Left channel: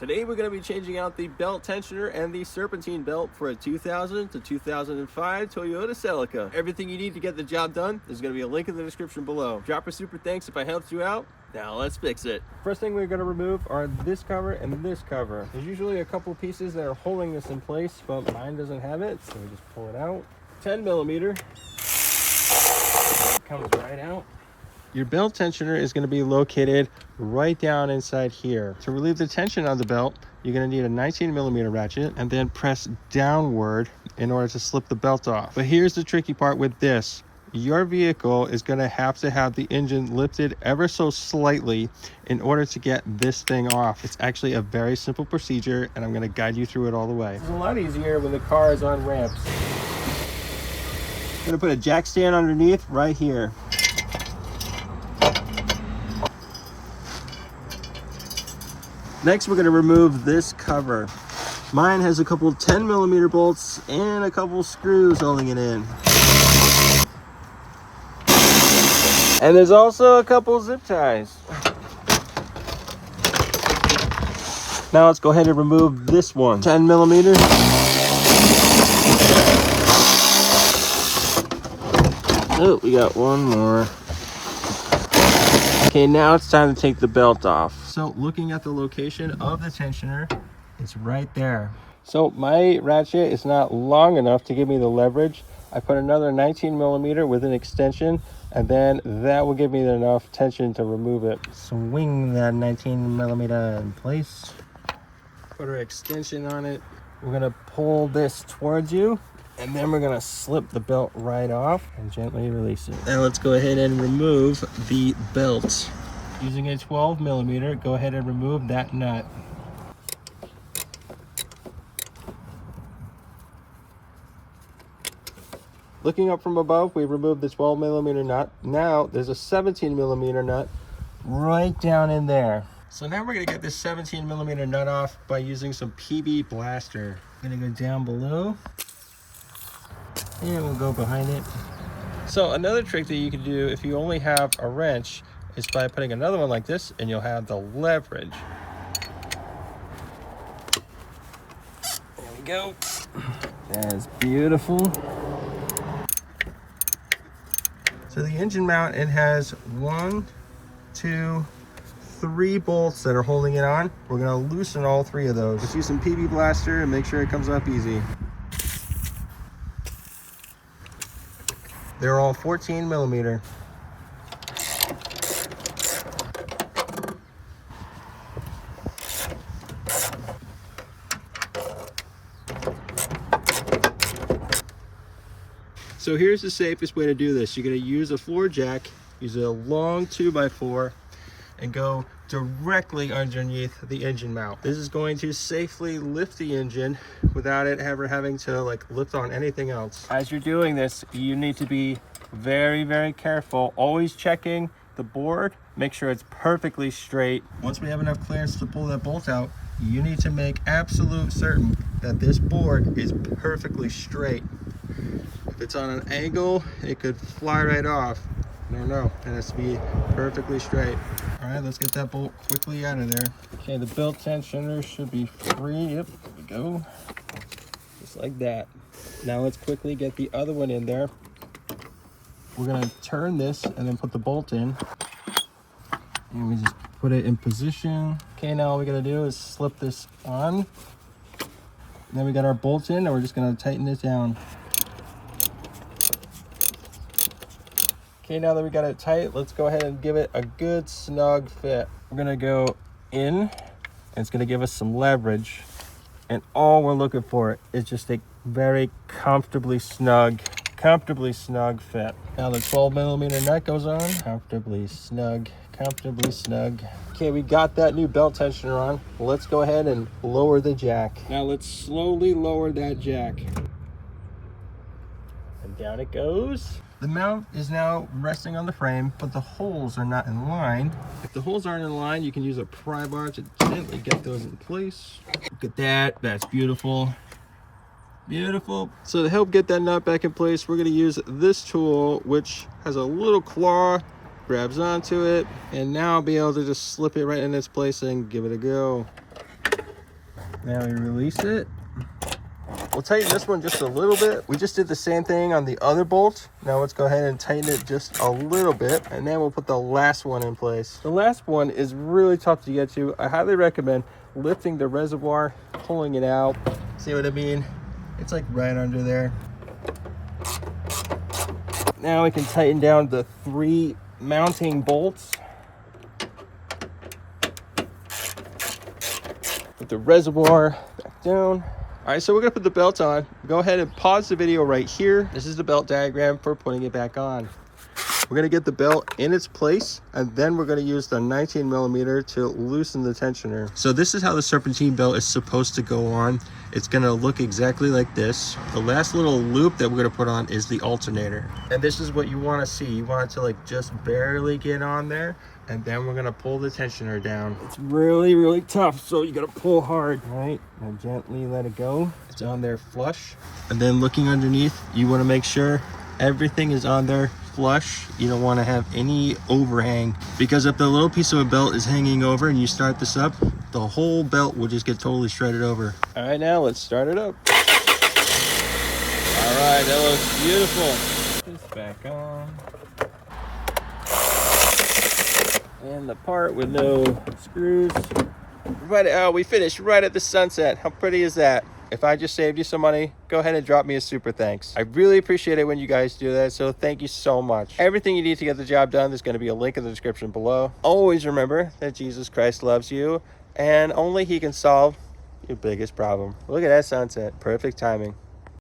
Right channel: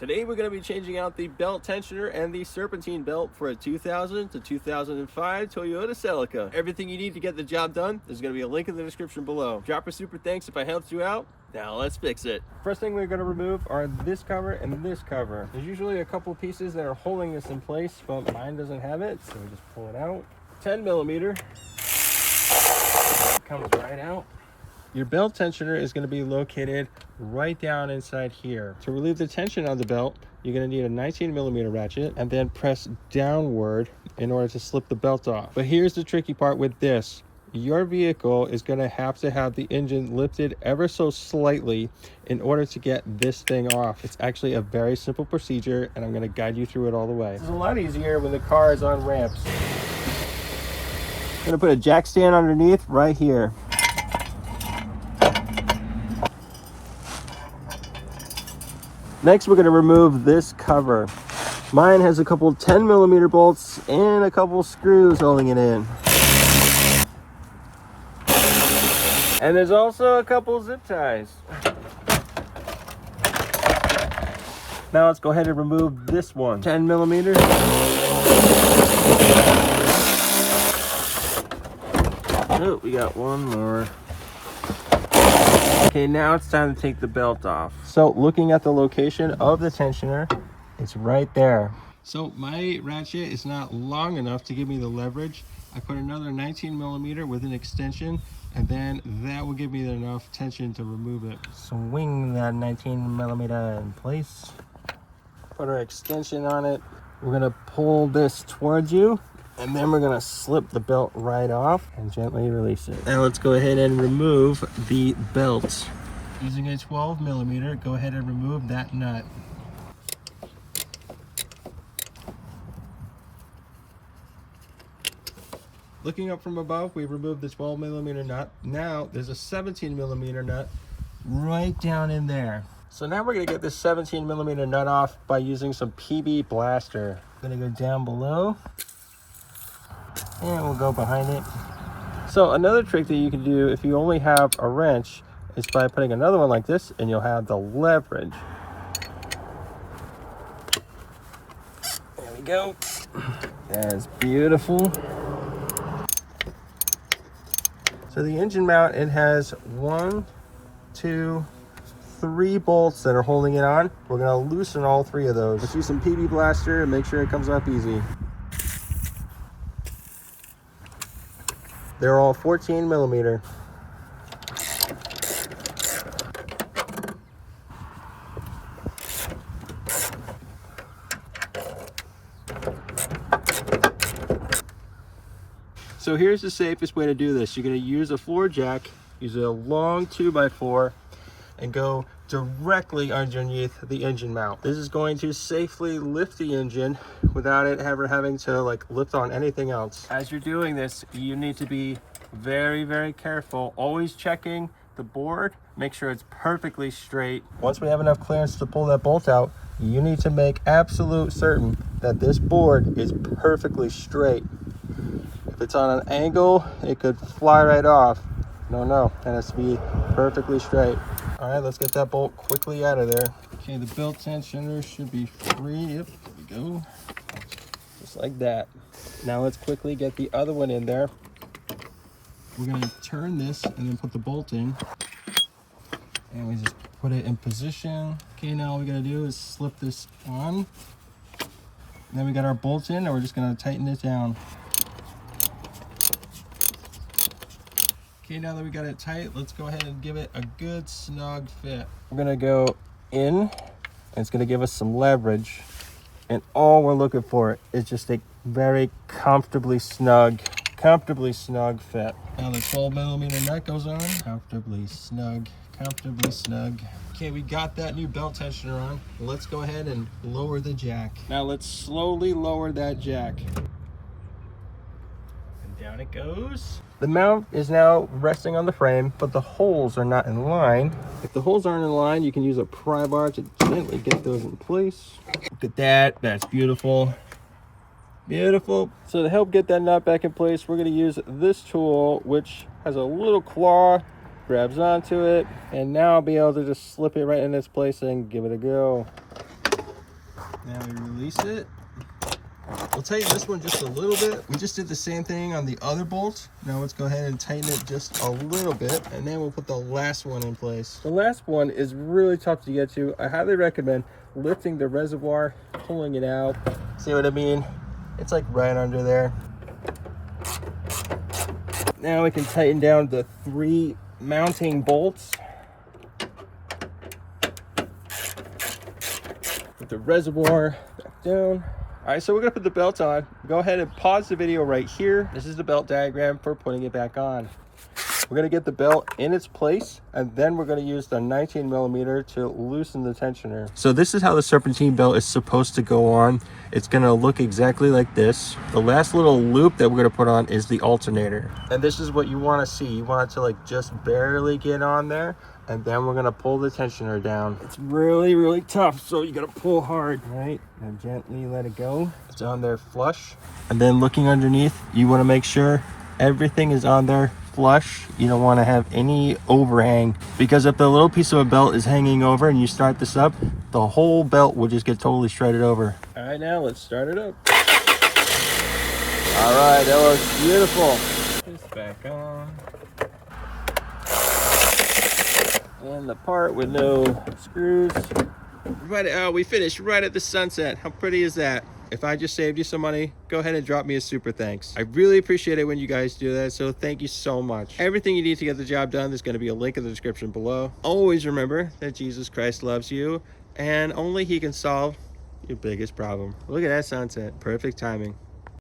Today we're going to be changing out the belt tensioner and the serpentine belt for a 2000 to 2005 Toyota Celica. Everything you need to get the job done, there's going to be a link in the description below. Drop a super thanks if I helped you out. Now let's fix it. First thing we're going to remove are this cover and this cover. There's usually a couple pieces that are holding this in place, but mine doesn't have it, so we just pull it out. 10 millimeter. It comes right out. Your belt tensioner is going to be located right down inside here. To relieve the tension on the belt, you're going to need a 19 millimeter ratchet and then press downward in order to slip the belt off. But here's the tricky part with this. Your vehicle is going to have the engine lifted ever so slightly in order to get this thing off. It's actually a very simple procedure, and I'm going to guide you through it all the way. It's a lot easier when the car is on ramps. I'm going to put a jack stand underneath right here. Next, we're going to remove this cover. Mine has a couple 10 millimeter bolts and a couple screws holding it in. And there's also a couple zip ties. Now let's go ahead and remove this one. 10 millimeter. Oh, we got one more. Okay, now it's time to take the belt off. So looking at the location of the tensioner, it's right there. So my ratchet is not long enough to give me the leverage. I put another 19 millimeter with an extension, and then that will give me enough tension to remove it. Swing that 19 millimeter in place. Put our extension on it. We're gonna pull this towards you, and then we're gonna slip the belt right off and gently release it. Now let's go ahead and remove the belt. Using a 12 millimeter, go ahead and remove that nut. Looking up from above, we removed the 12 millimeter nut. Now there's a 17 millimeter nut right down in there. So now we're gonna get this 17 millimeter nut off by using some PB Blaster. I'm gonna go down below, and we'll go behind it. So another trick that you can do if you only have a wrench is by putting another one like this, and you'll have the leverage. There we go. That's beautiful. So the engine mount, it has 1, 2, 3 bolts that are holding it on. We're gonna loosen all 3 of those. Let's use some PB Blaster and make sure it comes off easy. They're all 14 millimeter. So here's the safest way to do this. You're going to use a floor jack, use a long 2x4, and go directly underneath the engine mount. This is going to safely lift the engine without it ever having to lift on anything else. As you're doing this, you need to be very, very careful, always checking the board, make sure it's perfectly straight. Once we have enough clearance to pull that bolt out, you need to make absolute certain that this board is perfectly straight. If it's on an angle, it could fly right off. No, it has to be perfectly straight. All right, let's get that bolt quickly out of there. Okay, the belt tensioner should be free. Yep, there we go. Just like that. Now let's quickly get the other one in there. We're gonna turn this and then put the bolt in. And we just put it in position. Okay, now all we gotta do is slip this on. And then we got our bolt in, and we're just gonna tighten it down. Okay, now that we got it tight, let's go ahead and give it a good snug fit. We're gonna go in, and it's gonna give us some leverage. And all we're looking for is just a very comfortably snug fit. Now the 12 millimeter nut goes on. Comfortably snug. Okay, we got that new belt tensioner on. Let's go ahead and lower the jack. Now let's slowly lower that jack. And down it goes. The mount is now resting on the frame, but the holes are not in line. If the holes aren't in line, you can use a pry bar to gently get those in place. Look at that, that's beautiful. Beautiful. So to help get that nut back in place, we're gonna use this tool, which has a little claw, grabs onto it, and now I'll be able to just slip it right in its place and give it a go. Now we release it. We'll tighten this one just a little bit. We just did the same thing on the other bolt. Now let's go ahead and tighten it just a little bit, and then we'll put the last one in place. The last one is really tough to get to. I highly recommend lifting the reservoir, pulling it out. See what I mean? It's like right under there. Now we can tighten down the 3 mounting bolts. Put the reservoir back down. All right, so we're gonna put the belt on. Go ahead and pause the video right here. This is the belt diagram for putting it back on. We're gonna get the belt in its place, and then we're gonna use the 19mm to loosen the tensioner. So this is how the Serpentine belt is supposed to go on. It's gonna look exactly like this. The last little loop that we're gonna put on is the alternator. And this is what you wanna see. You want it to like just barely get on there, and then we're gonna pull the tensioner down. It's really, really tough, so you gotta pull hard. All right, now gently let it go. It's on there flush. And then looking underneath, you wanna make sure everything is on there flush. You don't want to have any overhang, because if the little piece of a belt is hanging over and you start this up, the whole belt will just get totally shredded over. All right, now let's start it up. All right, that looks beautiful. Put this back on. And the part with no screws. Right, we finished right at the sunset. How pretty is that? If I just saved you some money, go ahead and drop me a super thanks. I really appreciate it when you guys do that, so thank you so much. Everything you need to get the job done, there's going to be a link in the description below. Always remember that Jesus Christ loves you, and only he can solve your biggest problem. Look at that sunset. Perfect timing.